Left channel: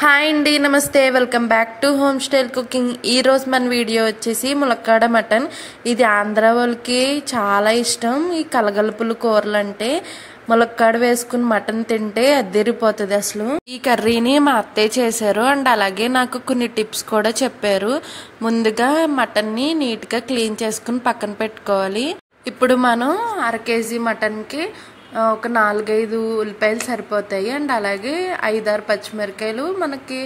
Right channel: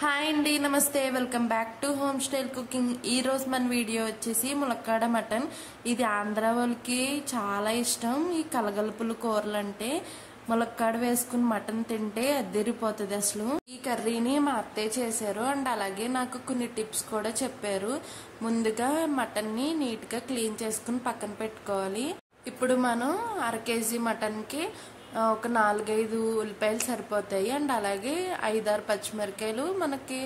Hi అండి, నమస్తే, welcome back to home style cooking. ఈరోజు మన వీడియో వచ్చేసి ములక్కాడ మటన్. ఇది ఆంధ్ర వాళ్ళకి చాలా ఇష్టం. ఈ కలగలుపులు కూరలు అంటే ములక్కాడ వేసుకుని మటన్ తింటే అద్దరిపోతుంది అసలు. ఈ కర్రీని మా అత్తయ్య చేశారు అండ్ అలాగే నాకు కొన్ని టిప్స్ కూడా చెప్పారు. ముందుగా మటన్ని నీట్గా క్లీన్ చేసుకుని పక్కన పెట్టుకోవాలి. ఇప్పుడు మనం 1/2 కేజీ మటన్కి ఒక 4-5 ఉల్లిపాయలు సరిపోతాయి అండ్ అలాగే 5-6 పచ్చిమిరకాయలు మనకి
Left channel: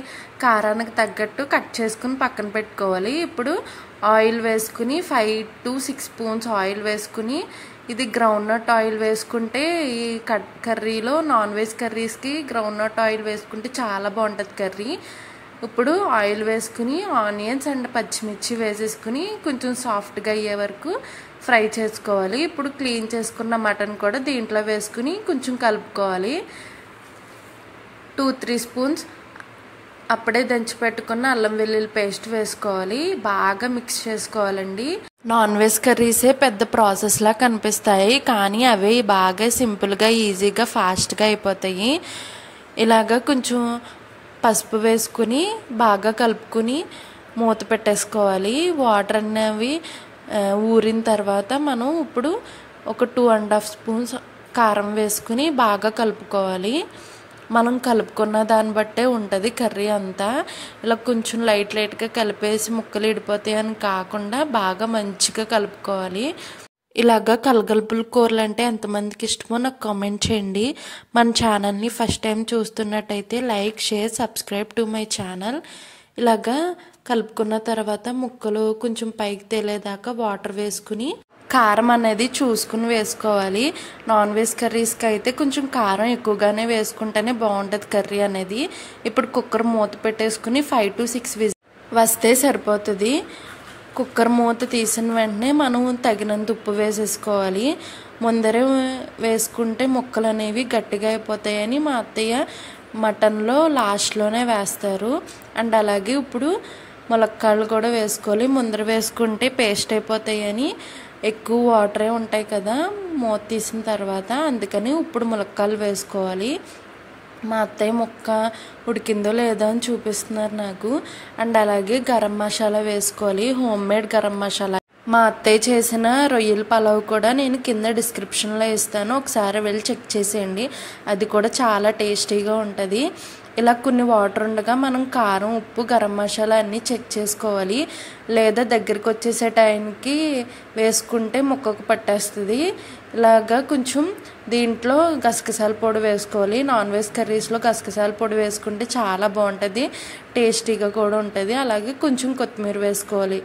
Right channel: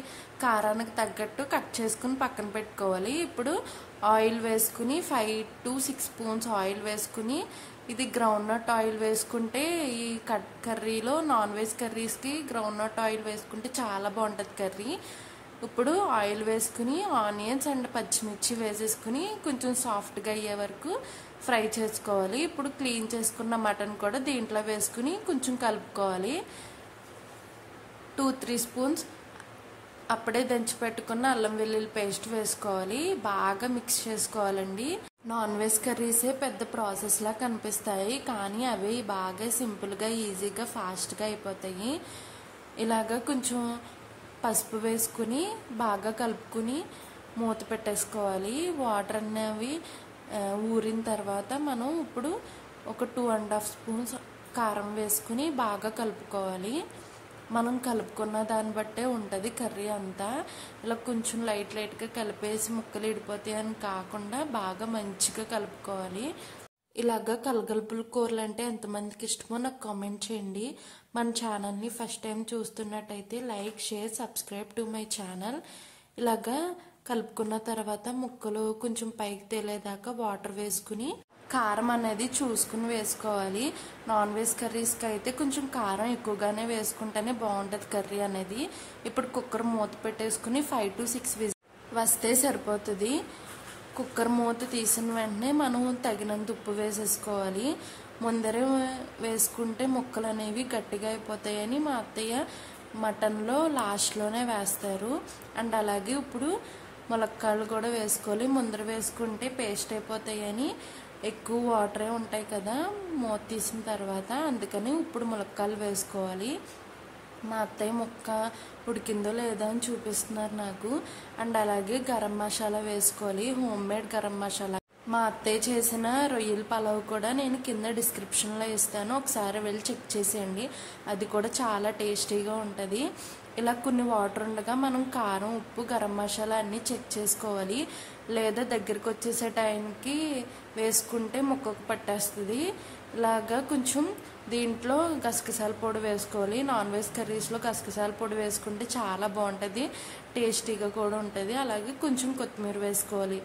కారానికి తగ్గట్టు కట్ చేసుకుని పక్కన పెట్టుకోవాలి. ఇప్పుడు ఆయిల్ వేసుకుని 5 to 6 స్పూన్స్ ఆయిల్ వేసుకుని, ఇది గ్రౌండ్ నట్ ఆయిల్ వేసుకుంటే ఈ కర్రీలో నాన్ వెజ్ కర్రీస్కి గ్రౌండ్ నట్ ఆయిల్ వేసుకుంటే చాలా బాగుంటుంది కర్రీ. ఇప్పుడు ఆయిల్ వేసుకుని ఆనియన్స్ అండ్ పచ్చిమిర్చి వేసేసుకుని కొంచెం సాఫ్ట్గా అయ్యే వరకు ఫ్రై చేసుకోవాలి. ఇప్పుడు క్లీన్ చేసుకున్న మటన్ కూడా దీంట్లో వేసుకుని కొంచెం కలుపుకోవాలి. 2-3 స్పూన్స్ అప్పుడే దంచి పెట్టుకున్న అల్లం వెల్లుల్లి పేస్ట్ వేసుకోవాలి. బాగా మిక్స్ చేసుకోవాలండి. నాన్ వెజ్ కర్రీసే పెద్ద ప్రాసెస్లా కనిపిస్తాయి, కానీ అవి బాగా సింపుల్గా, ఈజీగా, ఫాస్ట్గా అయిపోతాయి. ఇలాగా కొంచెం పసుపు వేసుకుని బాగా కలుపుకుని మూత పెట్టేసుకోవాలి. వాటర్ అనేవి ఊరిన తర్వాత మనం ఇప్పుడు ఒక 2.5 స్పూన్స్ కారం వేసుకుని బాగా కలుపుకోవాలి. మనం కలుపుకున్న దాన్ని బట్టే ఉంటుంది కర్రీ అంతా. ఇలా కొంచెం లైట్గా కలిపేసి ముక్కలు ఇడిపోతాయి అని కాకుండా బాగా మంచిగా కలుపుకోవాలి. ఇలాగా కలగలుపుల కూరలు అంటే ఎంతమందికి ఇష్టమో నాకు కామెంట్ చేయండి. మన ఛానల్ని ఫస్ట్ టైం చూస్తున్నట్టయితే like, share, subscribe to my channel. ఇలాగా కలుపుకున్న తర్వాత ముక్కలు కొంచెం పైకి తేలేదాకా వాటర్ వేసుకుని కారం అనేది చూసుకుని వేసుకోవాలి. నాన్ వెజ్ కర్రీస్కి అయితే కొంచెం కారం ఎక్కువగానే వేసుకుంటేనే బాగుంటుంది కర్రీ అనేది. ఇప్పుడు కుక్కర్ మూత పెట్టేసుకుని 5 to 6 విజిల్స్ వస్తే సరిపోతుంది. కుక్కర్ మూత తీసిన వెంటనే మనం తగినంత ఉప్పు వేసేసుకోవాలి. ముందరే వేసుకుంటే ముక్కలు అనేవి గట్టిగా అయిపోతాయని మా అత్తయ్య మటన్లో లాస్ట్లోనే వేస్తారు. అండ్ అలాగే ఇప్పుడు ములక్కాడలు కూడా వేసుకోవాలి. ముందర వేసుకుంటే పేస్ట్ అయిపోతాయని, ఎక్కువ వాటరే ఉంటాయి కదా మూత తీసిన తర్వాత, అందుకని ఇప్పుడు ములక్కాడలు వేసుకోవాలి. మా అత్తయ్య ముక్క ఉడికిందో లేదో అని చూపిస్తున్నారు నాకు. అండ్ అలాగే గరం మసాలా వేసుకోవాలి, హోమ్ మేడ్ గరం మసాలా. మా అత్తయ్య చేసిన రొయ్యల పలావ్ కూడా నేను కింద డిస్క్రిప్షన్లో ఇస్తాను, ఒకసారి వెళ్ళి చెక్ చేసేయండి. అది కూడా చాలా టేస్టీగా ఉంటుంది. ఇలా కొన్ని వాటర్ ఉండగా మనం కారం, ఉప్పు, గరం మసాలా అన్నీ చెక్ చేసుకోవాలి. లేదా దగ్గరికి వచ్చేసే టైంకి వేసుకుంటే ముక్కకు పట్టేస్తుంది. ఇలాగా కొంచెం దీంట్లో గసగసాల పొడి వేసుకోవాలి. నాన్ వెజ్ కర్రీస్లో గసగసాల పొడి వేసుకుంటే చాలా బాగుంటుంది, టేస్టీగా కూడా ఉంటుంది. అలాగే కొంచెం కొత్తిమీర వేసుకోవాలి.